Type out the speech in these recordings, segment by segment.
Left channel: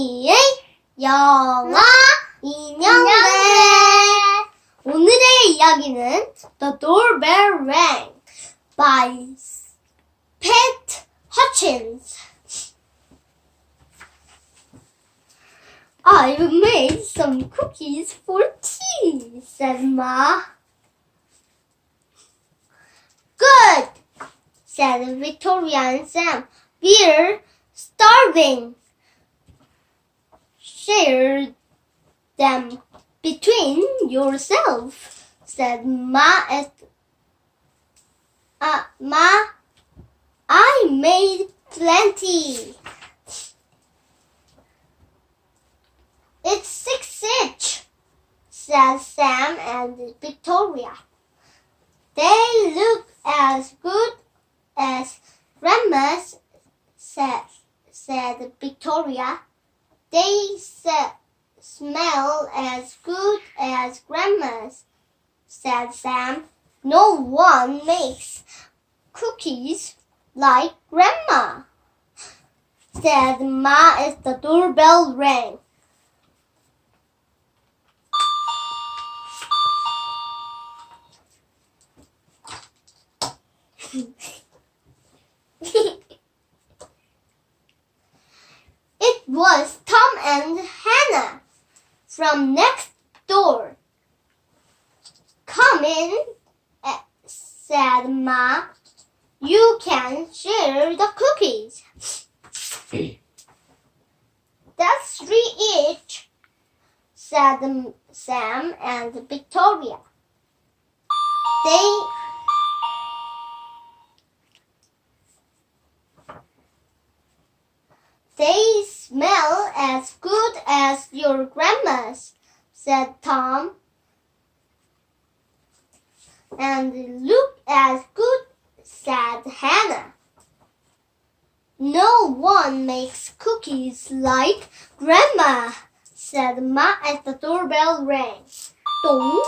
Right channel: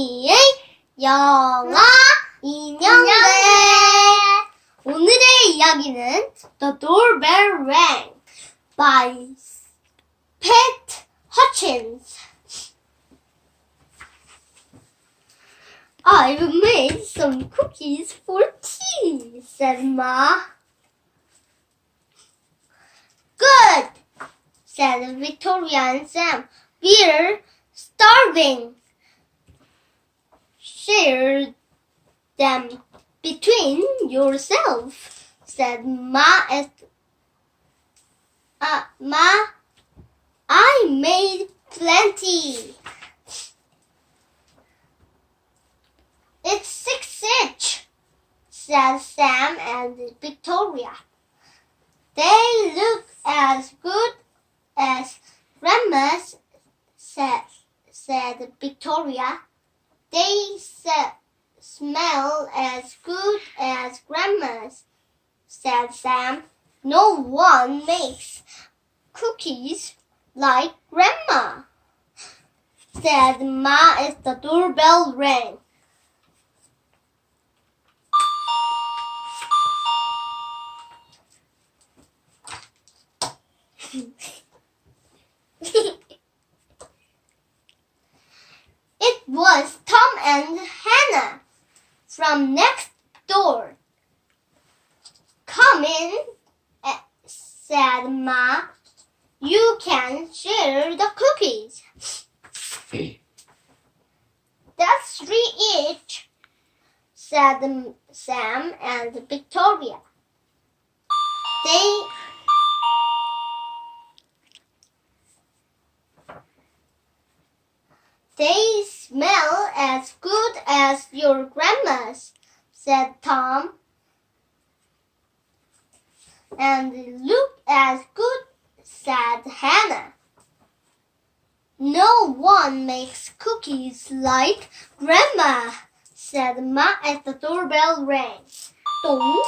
선이의 영어인형극. 오늘의 이야기는 The Doorbell Rang by Pat Hutchins. I've made some cookies for tea, said Ma. Good, said Victoria and Sam. We're starving. Share them between yourselves, said Ma. Ma, I made plenty. It's 6 each, said Sam and Victoria. They look as good as Grandma's, said Victoria. They smell as good as Grandma's, said Sam. No one makes cookies like Grandma, said Ma as the doorbell rang. It was Tom and Hannah from next door. Come in, said Ma. You can share the cookies. That's 3 each, said Sam and Victoria. They smell as good as your grandma's, said Tom. And look as good, said Hannah. No one makes cookies like Grandma, said Ma as the doorbell rang. Dong.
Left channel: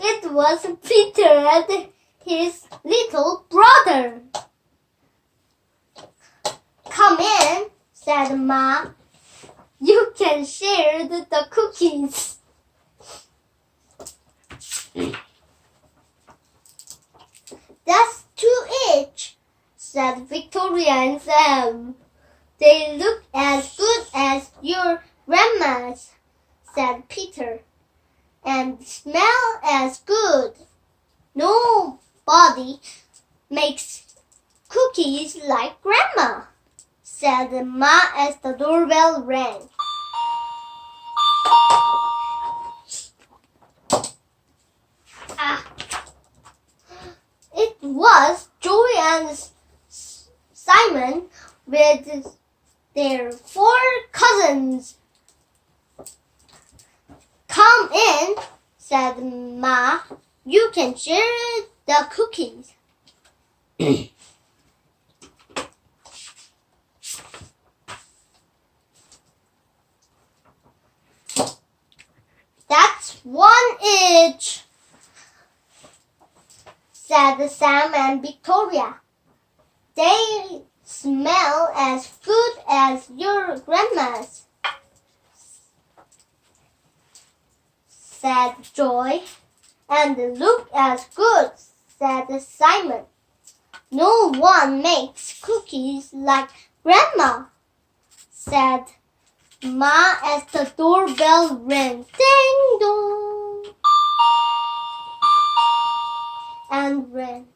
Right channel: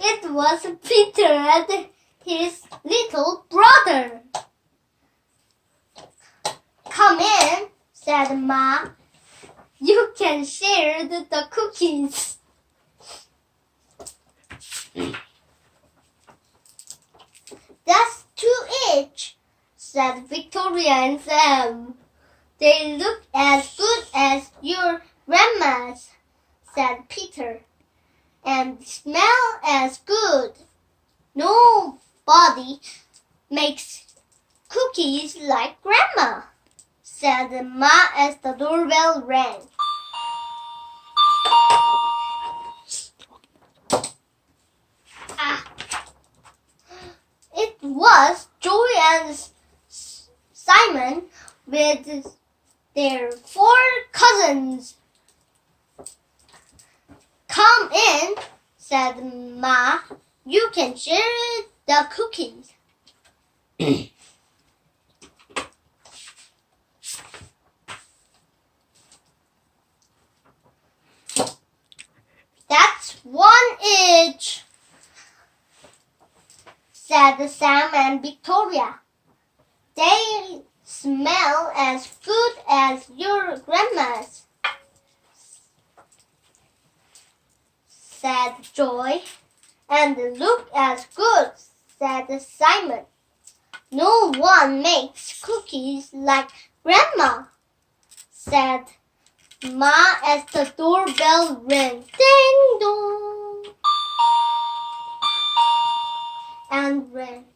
It was Peter and his little brother. Come in, said Ma. You can share the cookies. That's 2 each, said Victoria and Sam. They look as good as your grandma's, said Peter, and smell as good. Nobody makes cookies like Grandma, said Ma as the doorbell rang. It was Joey and Simon with their 4 cousins. Come in, said Ma. You can share the cookies. That's 1 each, said Sam and Victoria. They smell as good as your grandma's, said Joy. And look as good, said Simon. No one makes cookies like Grandma, said Ma as the doorbell rang. Ding dong. And rang.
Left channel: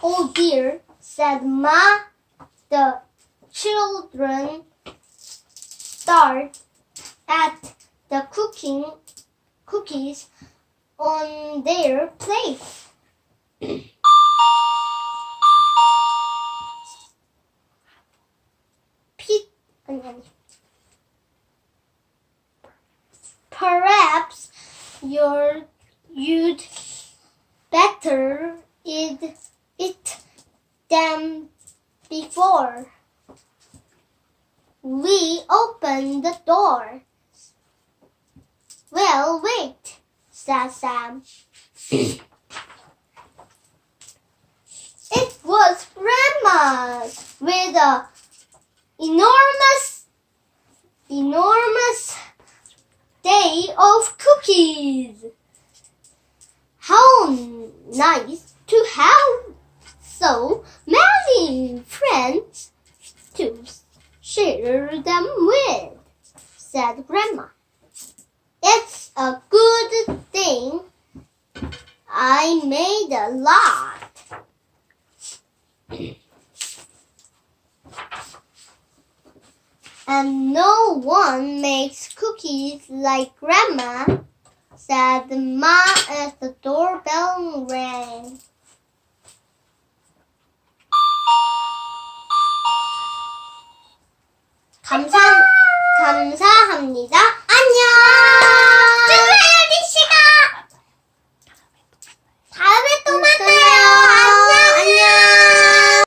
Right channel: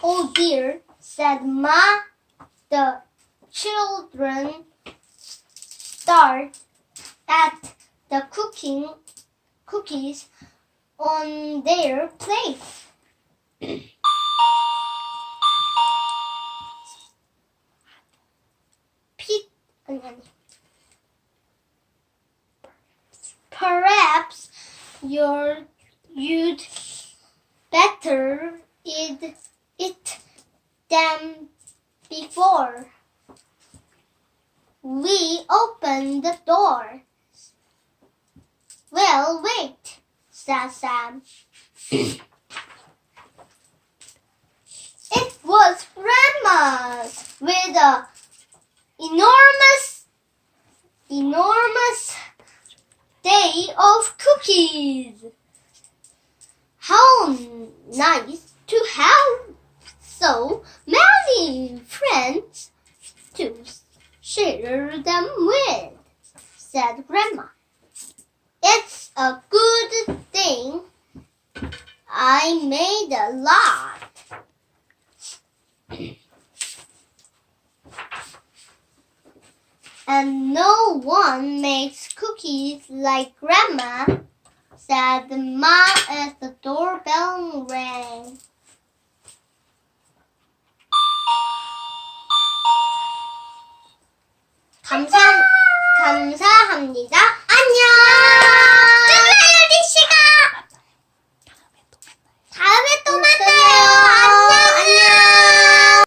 Oh dear, said Ma. The children stared at the cookies on their plates. Perhaps you'd better eat them before we open the door. Well, wait, said Sam. It was Grandma's with a enormous day of cookies. How nice to have so many friends to share them with, said Grandma. It's a good thing I made a lot. And no one makes cookies like Grandma, said Ma as the doorbell rang. 감사합니다. 안녕!